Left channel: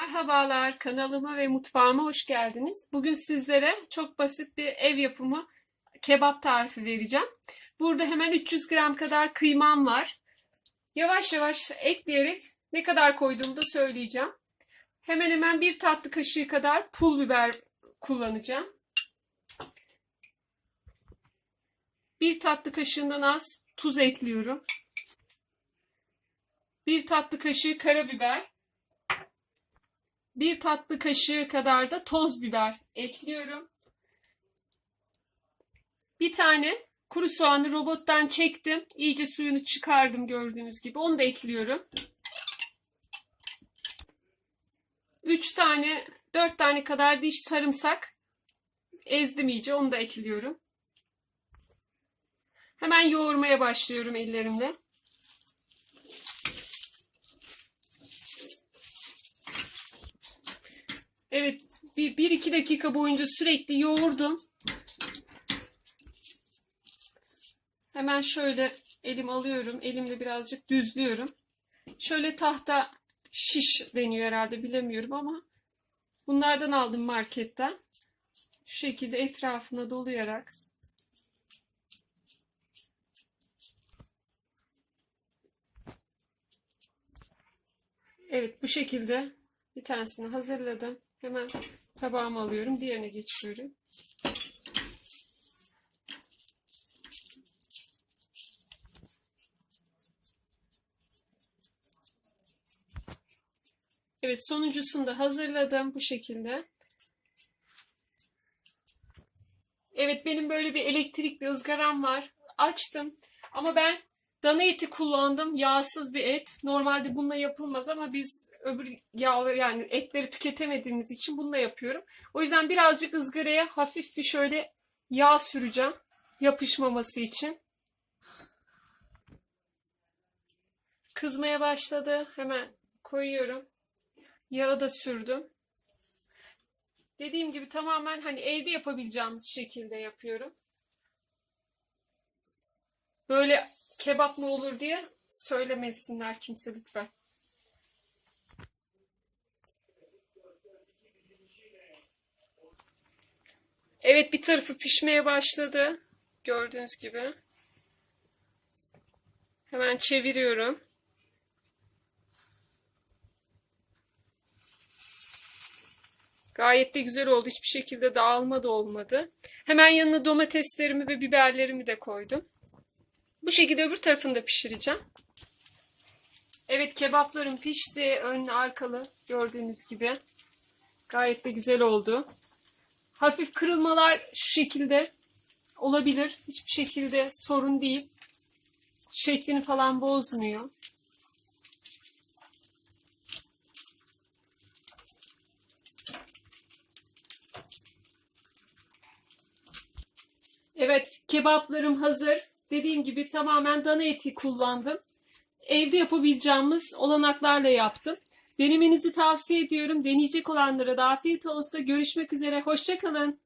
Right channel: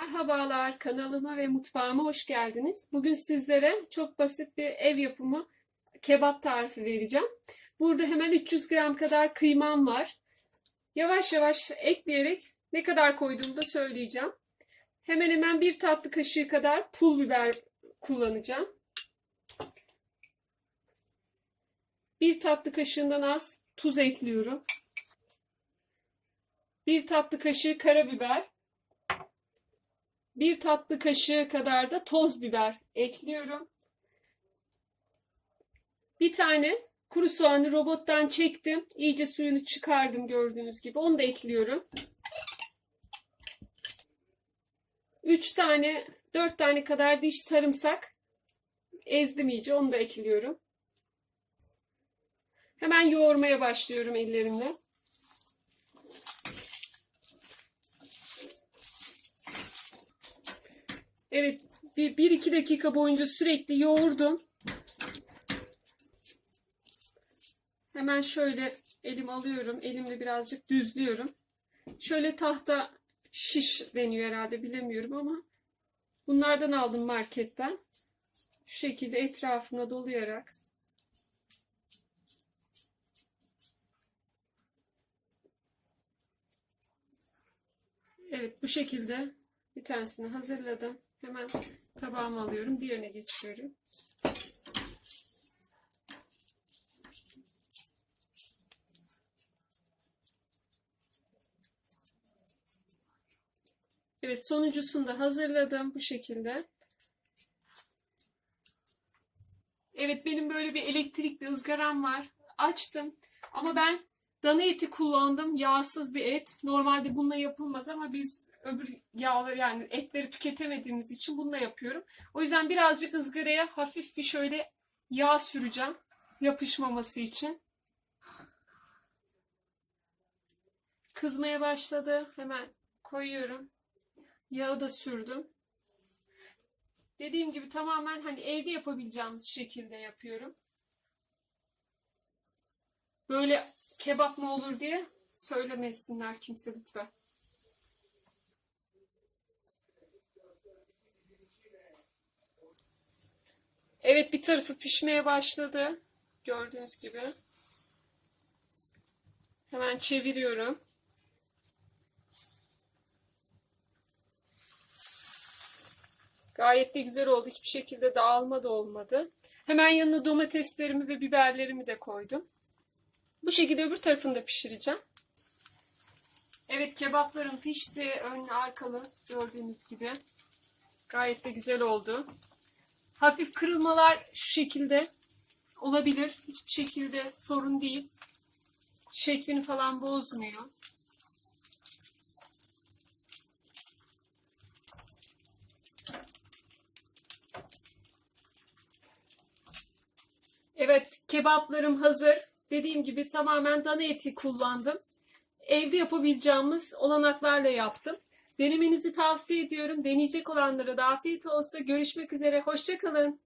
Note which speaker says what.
Speaker 1: Merhabalar, kanalıma ve mutfağıma hoş geldiniz. Bugün sizlere çok basit bir ev yapımı kebap tarifi vereceğim. Burada hemen 300 gram kadar kıymam var. Yavaş yavaş ekleyerek ne kadar koyduğumu da söyleyeceğim. Hemen hemen bir tatlı kaşığı kadar pul biber kullanacağım. Bir tatlı kaşığından az tuz ekliyorum. Bir tatlı kaşığı karabiber. Bir tatlı kaşığı kadar da toz biber ekliyorum. Bir tane kuru soğanı robottan çektim. İyice suyunu çıkardım gördüğünüz gibi. Onu da ekliyorum. 3 tane, 4 tane kadar diş sarımsak ezdim iyice. Onu da ekliyorum. Hemen yoğurmaya başlıyorum ellerimle. Evet, bir, bir iki dakika boyunca sürekli yoğurdum. Hemen şöyle elim alıyorum. Elimle birazcık düzlüyorum. Şöyle tahta şiş deniyor herhalde bilemiyorum ama bunlardan aldım marketten. Şu şekilde etrafına dolayarak Evet bu şekilde bir tanesini hazırladım. Hemen tabağıma alıyorum. Diğerine geçiyorum. Evet sonuncusunu da hazırladım bu şekilde. Evet benim böyle bir elektrikli ızgaram var. Açtım ama ben dana eti kullandım. Yağsız bir et. Normalde bununla yapılmaz ama biz öbür yağ yani etleri tüketemediğimiz için bununla yapıyorum. O yüzden birazcık ızgaraya hafif bir şöyle yağ süreceğim. Yapışmaması için. Kızmaya başladı. Hemen koyuyorum. Yağı da sürdüm. Dediğim gibi tamamen hani evde yapabileceğimiz şekilde yapıyorum. Böyle kebap mı olur diye söylemesinler kimse lütfen. Evet bir tarafı pişmeye başladı. Gördüğünüz gibi. Hemen çeviriyorum. Gayet de güzel oldu. Hiçbir şekilde dağılma da olmadı. Hemen yanına domateslerimi ve biberlerimi de koydum. Bu şekilde öbür tarafını da pişireceğim. Evet kebaplarım pişti. Önlü arkalı gördüğünüz gibi. Gayet de güzel oldu. Hafif kırılmalar şu şekilde olabilir. Hiçbir şekilde sorun değil. Şeklini falan bozmuyor. Evet, kebaplarım hazır. Dediğim gibi tamamen dana eti kullandım. Evde yapabileceğimiz olanaklarla yaptım. Denemenizi tavsiye ediyorum. Deneyecek olanlara da afiyet olsun. Görüşmek üzere. Hoşçakalın.